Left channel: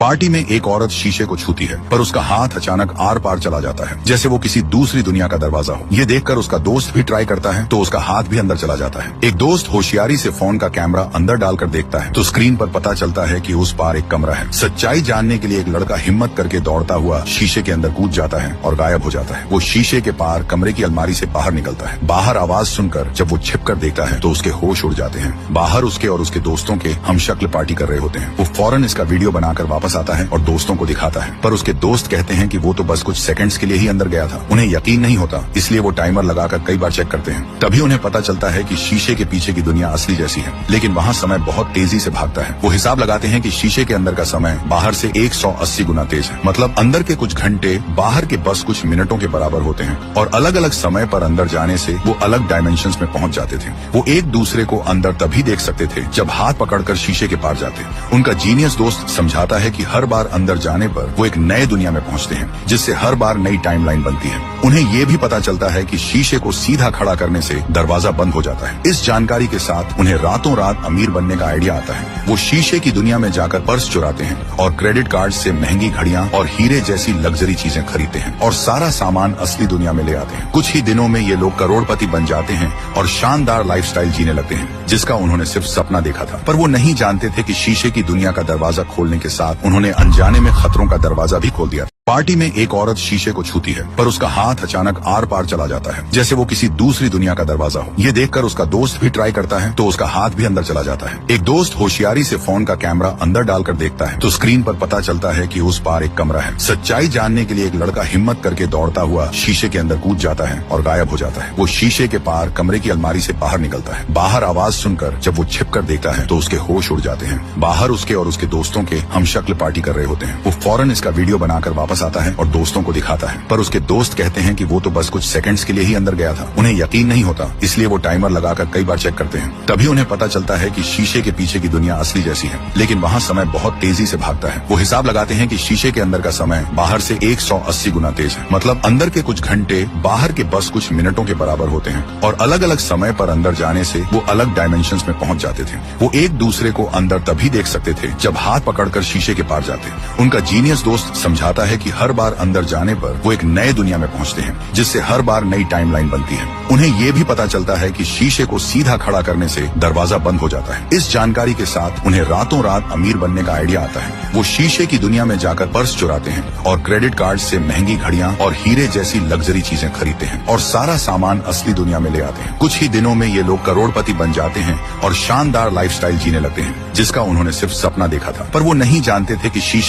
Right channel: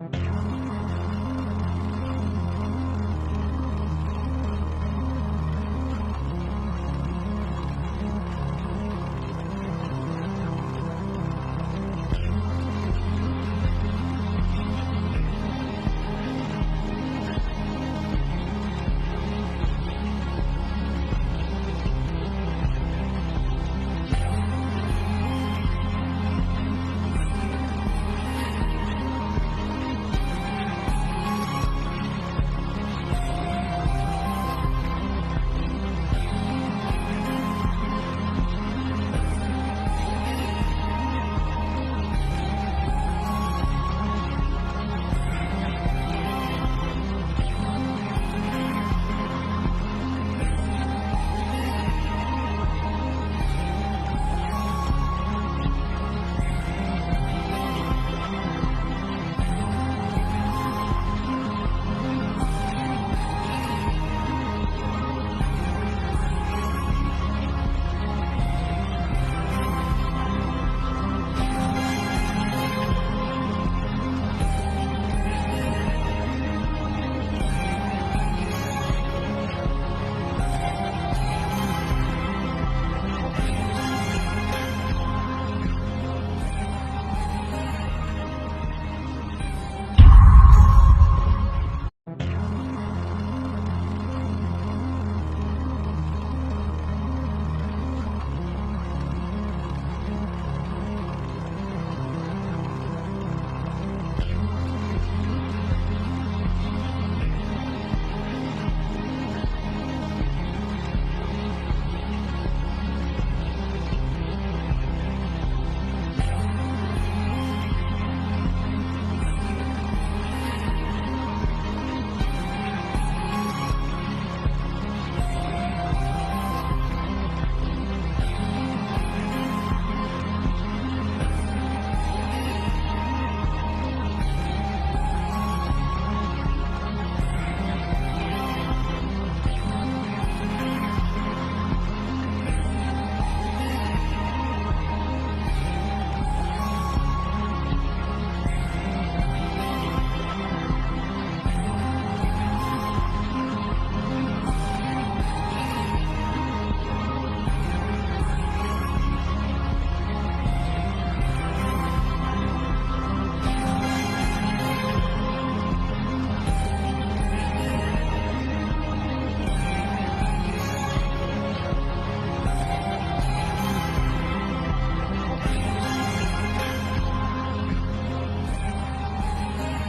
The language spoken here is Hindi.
पार्टी में एक औरत शीशे को छूती है, पर उसका हाथ अचानक आर पार चला जाता है, जैसे वो किसी दूसरी दुनिया का दरवाजा हो। ये देखकर उसका दोस्त भी ट्राई करता है तो उसका हाथ भी अंदर चला जाता है। एक दोस्त होशियारी से फोन का कैमरा अंदर डालकर देखता है तो स्क्रीन पर पता चलता है कि उस पार एक कमरा है। सच्चाई जानने के लिए एक लड़का हिम्मत करके दौड़ता हुआ शीशे के अंदर कूद जाता है और गायब हो जाता है। वो शीशे के पार कमरे की अलमारी से बाहर निकलता है। बाहर आवाज सुनकर जब वो छिप कर देखता है तो उसके होश उड़ जाते हैं। बाहर उसके और उसके दोस्तों के हमशक्ल पार्टी कर रहे होते हैं। वो फौरन इसका वीडियो बनाकर वापस आता है और दोस्तों को दिखाता है, पर उसके दोस्त कहते हैं कि वो तो बस कुछ सेकंड्स के लिए ही अंदर गया था। उन्हें यकीन नहीं होता, इसलिए वो टाइमर लगाकर कई बार चेक करते हैं। तभी उन्हें पता चलता है कि शीशे के पीछे की दुनिया असली जैसी है, लेकिन वहाँ समय बहुत तेजी से भागता है। वो हिसाब लगाते हैं कि शीशे के अंदर का समय बाहर से 180 गुना तेज है। मतलब अंदर के कुछ घंटे बाहर के बस कुछ मिनटों के बराबर होते हैं और अलग अलग समय पर अंदर जाने से वो अलग डायमेंशंस में पहुंच जाते थे। वो एक दूसरे को अंदर तभी देख सकते थे जब हाथ पकड़कर शीशे के पार जाते। उनका जीनियस दोस्त समझाता है कि हर बार अंदर जाने पर वो एक नए दुनिया में पहुंचते हैं, जिससे हर बार नई टाइमलाइन बनती है। उन्हें ये भी पता चलता है कि शीशे को सीधा खड़ा करने से दरवाजा बंद हो जाता है। इस जानकारी के साथ उन्हें रातों रात अमीर बनने का आइडिया आता है। वो शीशे की दुनिया में जाकर पर्स चुराते हैं और क्रेडिट कार्ड से महंगी घड़ियां और हीरे जैसी लग्जरी चीजें खरीदते हैं और सारा सामान असली दुनिया में ले आते हैं। कुछ ही दिनों में ये लोग करोड़पति बन जाते हैं और शानदार लाइफस्टाइल जीने लगते हैं, जिसका उन्होंने सिर्फ सपना देखा था। पर वो नहीं जानते थे कि शीशे की दुनिया का दरवाजा खोलने के साथ उन्होंने अनजाने में खतरों का दरवाजा भी खोल दिया। पार्टी में एक औरत शीशे को छूती है, पर उसका हाथ अचानक आर पार चला जाता है, जैसे वो किसी दूसरी दुनिया का दरवाजा हो। ये देखकर उसका दोस्त भी ट्राई करता है तो उसका हाथ भी अंदर चला जाता है। एक दोस्त होशियारी से फोन का कैमरा अंदर डालकर देखता है तो स्क्रीन पर पता चलता है कि उस पार एक कमरा है। सच्चाई जानने के लिए एक लड़का हिम्मत करके दौड़ता हुआ शीशे के अंदर कूद जाता है और गायब हो जाता है। वो शीशे के पार कमरे की अलमारी से बाहर निकलता है। बाहर आवाज सुनकर जब वो छिप कर देखता है तो उसके होश उड़ जाते हैं। बाहर उसके और उसके दोस्तों के हमशक्ल पार्टी कर रहे होते हैं। वो फौरन इसका वीडियो बनाकर वापस आता है और दोस्तों को दिखाता है, पर उसके दोस्त कहते हैं कि वो तो बस कुछ सेकंड्स के लिए ही अंदर गया था। उन्हें यकीन नहीं होता, इसलिए वो टाइमर लगाकर कई बार चेक करते हैं। तभी उन्हें पता चलता है कि शीशे के पीछे की दुनिया असली जैसी है, लेकिन वहाँ समय बहुत तेजी से भागता है। वो हिसाब लगाते हैं कि शीशे के अंदर का समय बाहर से 180 गुना तेज है। मतलब अंदर के कुछ घंटे बाहर के बस कुछ मिनटों के बराबर होते हैं और अलग अलग समय पर अंदर जाने से वो अलग डायमेंशंस में पहुंच जाते थे। वो एक दूसरे को अंदर तभी देख सकते थे जब हाथ पकड़कर शीशे के पार जाते। उनका जीनियस दोस्त समझाता है कि हर बार अंदर जाने पर वो एक नए दुनिया में पहुंचते हैं, जिससे हर बार नई टाइमलाइन बनती है। उन्हें ये भी पता चलता है कि शीशे को सीधा खड़ा करने से दरवाजा बंद हो जाता है। इस जानकारी के साथ उन्हें रातों रात अमीर बनने का आइडिया आता है। वो शीशे की दुनिया में जाकर पर्स चुराते हैं और क्रेडिट कार्ड से महंगी घड़ियां और हीरे जैसी लग्जरी चीजें खरीदते हैं और सारा सामान असली दुनिया में ले आते हैं। कुछ ही दिनों में ये लोग करोड़पति बन जाते हैं और शानदार लाइफस्टाइल जीने लगते हैं, जिसका उन्होंने सिर्फ सपना देखा था। पर वो नहीं जानते थे कि शीशे